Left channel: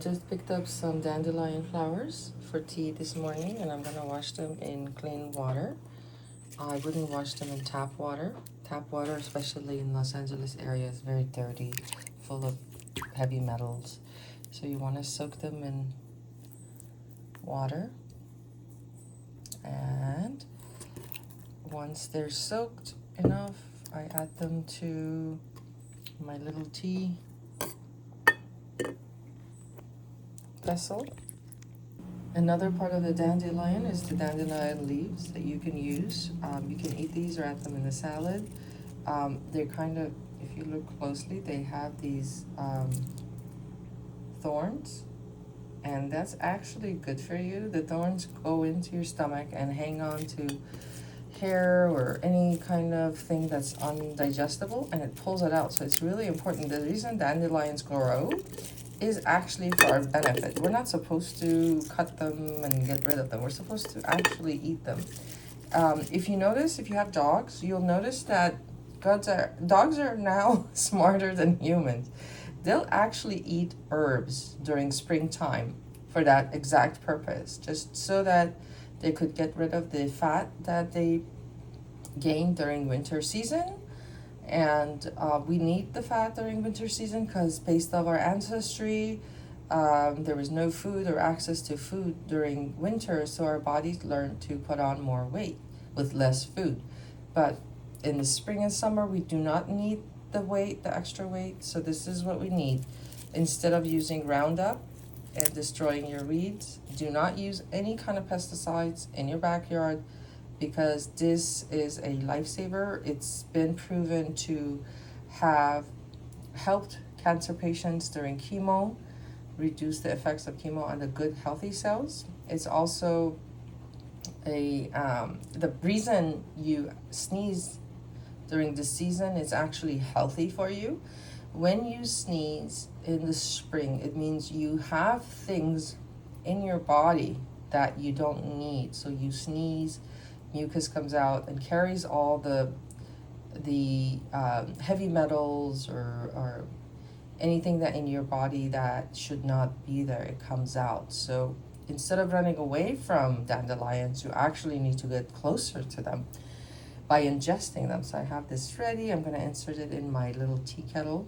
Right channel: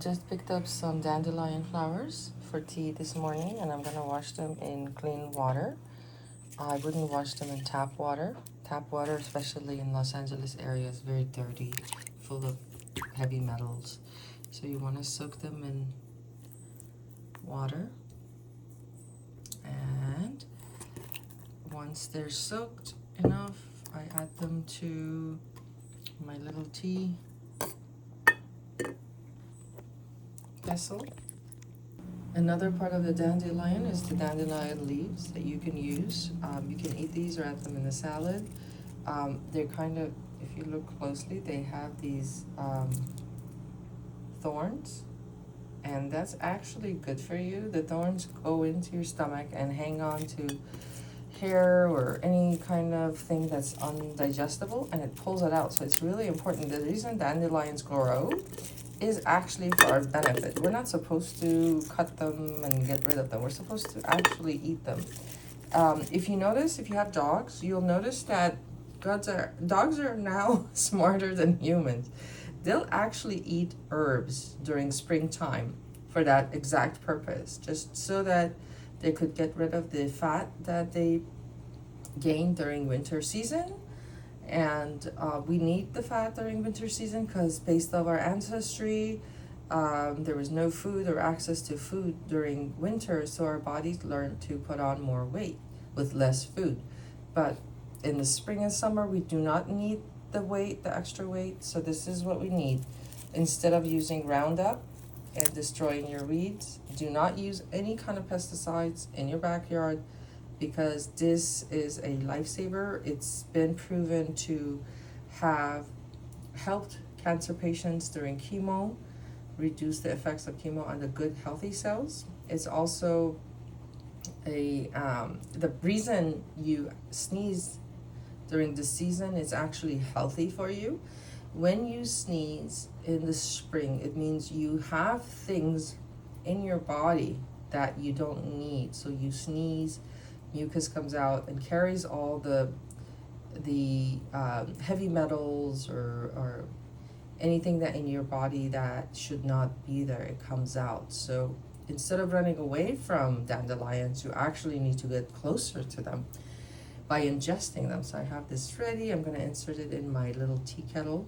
just picked up some dandelion flowers for tea this morning, and I'm gonna wash them in clean water. I wouldn't wash them in tap water. Tap water, especially in Los Angeles area, is very dirty, full of heavy metals. So you want to soak them in water. And once they're soaked enough, I add them to my little tea vessel. Another part of the dandelion is the dandelion leaves that you can use. You can eat these or add them in the salad. They're kind of, if you look closely, they have these thorns, and that's actually good for you. The thorns go into your stomach and hang on to hair or any kind of thing that's undigestible, and it pulls it out. So it's really important. The reason dandelions grow is actually for our benefit. We're not supposed to cut them and get rid of them. We're supposed to actually eat them. If you notice, if you have dogs, you'll notice that dogs are now smarter than humans. They'll actually eat herbs during springtime for that exact purpose, just so that they could get rid of the fat that they gain during winter season. And we need the fat during winter season because based on our ancestry, there was no food or access to food during winter, so our bodies learned to put on more weight with less food. But in the spring and summer, we do not need the extra weight, so this is what we need. Instead of using Roundup and destroying your weeds, do not use any kind of pesticides in your backyard, because this is a lifesaver. It's been proven to have helped cancer patients during chemo, reduce the effects of chemo on the good healthy cells. It's also the reason you sneeze during the season is actually healthy for you. When you sneeze in the spring, it means you have things in your body that you don't need. So you sneeze, mucus comes out and carries all the heavy metals or anything that in your body that should not be there, it comes out. So instead of running away from dandelions, you actually need to get closer to them by ingesting them. So I have this ready. I'm going to insert it in my little tea kettle.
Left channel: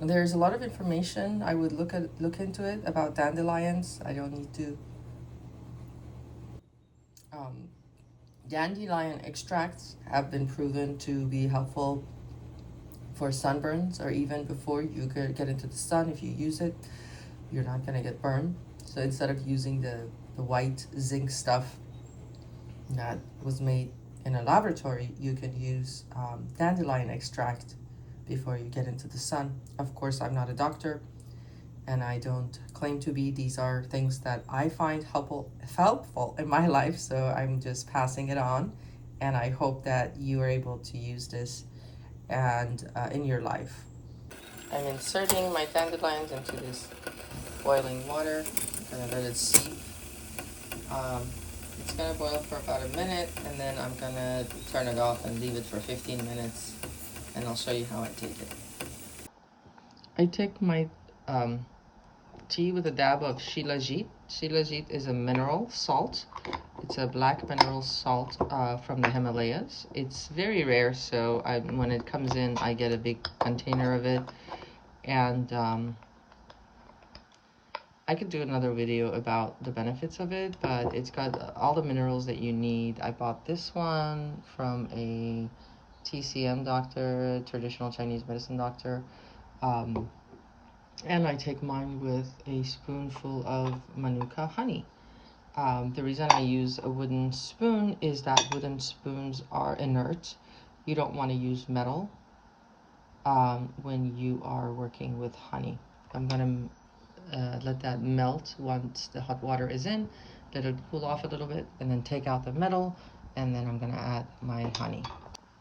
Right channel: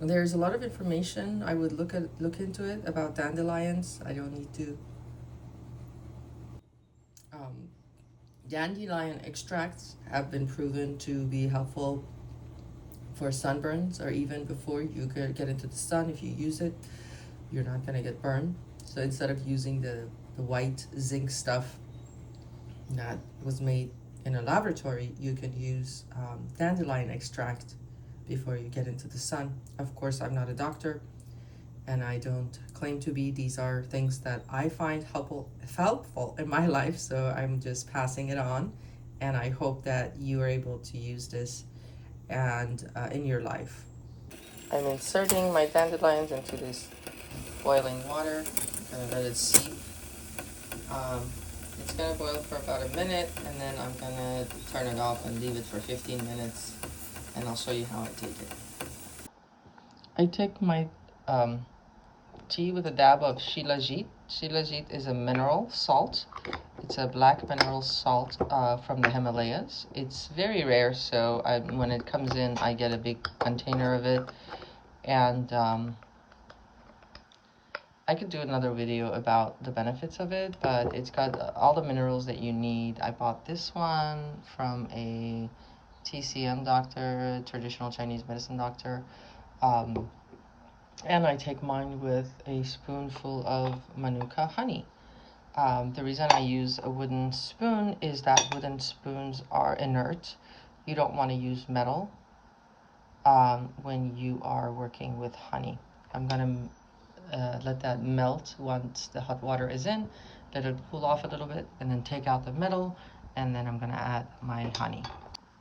There's a lot of information. I would look into it about dandelions. I don't need to. Dandelion extracts have been proven to be helpful for sunburns, or even before you get into the sun. If you use it, you're not going to get burned. So instead of using the white zinc stuff that was made in a laboratory, you can use dandelion extract before you get into the sun. Of course, I'm not a doctor and I don't claim to be. These are things that I find helpful in my life, so I'm just passing it on, and I hope that you are able to use this and in your life. I'm inserting my dandelions into this boiling water. I'm gonna let it steep. It's gonna boil for about a minute, and then I'm gonna turn it off and leave it for 15 minutes, and I'll show you how I take it. I take my tea with a dab of shilajit. Shilajit is a mineral salt. It's a black mineral salt from the Himalayas. It's very rare, so when it comes in, I get a big container of it. And I could do another video about the benefits of it, but it's got all the minerals that you need. I bought this one from a TCM doctor, traditional Chinese medicine doctor. And I take mine with a spoonful of Manuka honey. The reason I use a wooden spoon is that wooden spoons are inert. You don't want to use metal when you are working with honey. I'm going to let that melt once the hot water is in, let it cool off a little bit, and then take out the metal, and then I'm going to add my honey.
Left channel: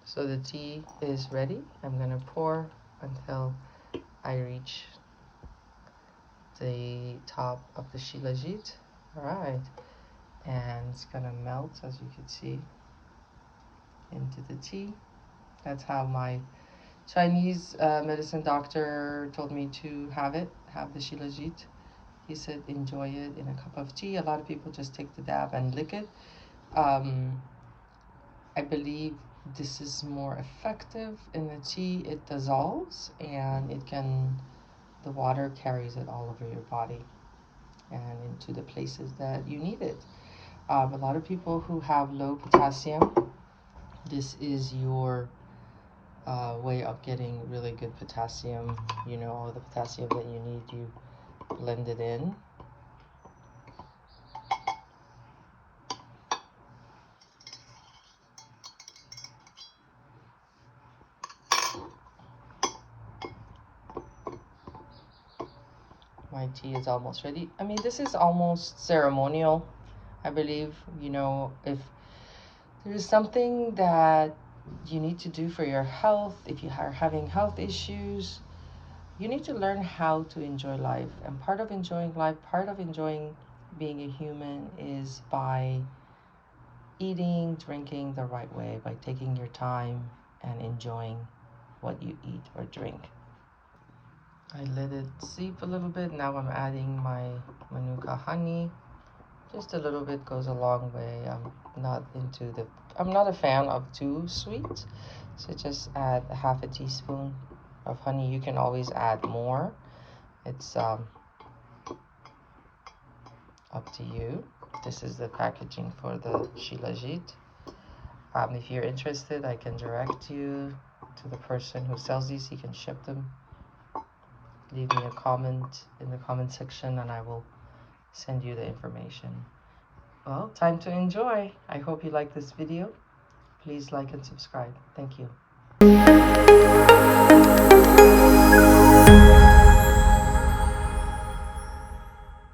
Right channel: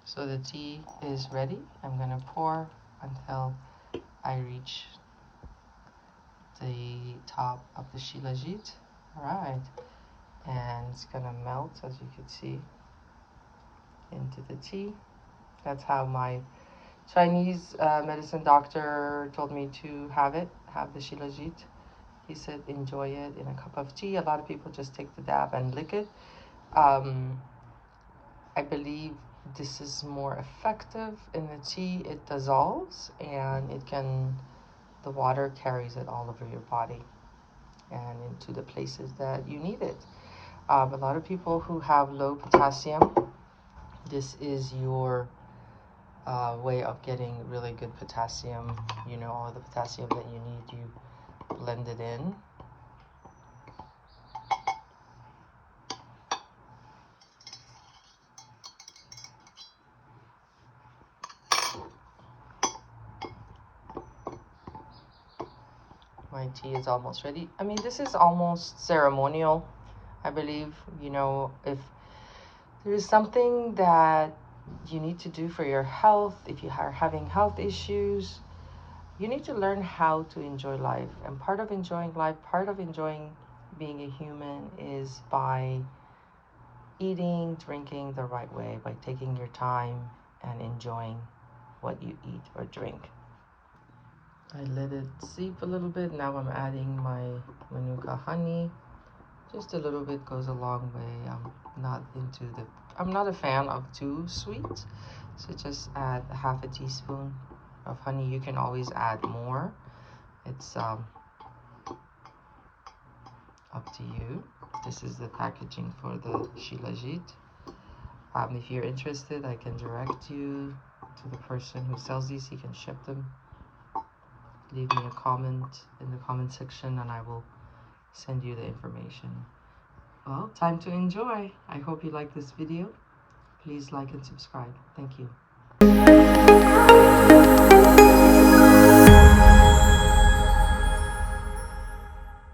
So the tea is ready. I'm going to pour until I reach the top of the shilajit. All right, and it's gonna melt, as you can see, into the tea. That's how my Chinese medicine doctor told me to have it, have the Shilajit. He said enjoy it in a cup of tea. A lot of people just take the dab and lick it. I believe this is more effective in the tea. It dissolves and it can, the water carries it all over your body and into the places that you need it. A lot of people who have low potassium, this is your way of getting really good potassium. You know, all the potassium that you need, you blend it in. My tea is almost ready. I mean, this is almost ceremonial, I believe. You know, if there's something that you need to do for your health, if you are having health issues, you need to learn how to enjoy life. And part of enjoying life, part of enjoying being a human is by eating, drinking the right way, by taking your time and enjoying what you eat or drink. I let it steep a little bit. Now I'm adding my Manuka honey. Just a little bit goes a long way. I'm not a fan of too sweet. So just add a half a teaspoon of honey. You can always add more. It's up to you. This is the packaging for the Shilajit. If you're interested, I can direct you to the person who sells these. He can ship them. Leave me a comment in the comment section and I will send you the information. Well, time to enjoy. I hope you like this video. Please like and subscribe. Thank you.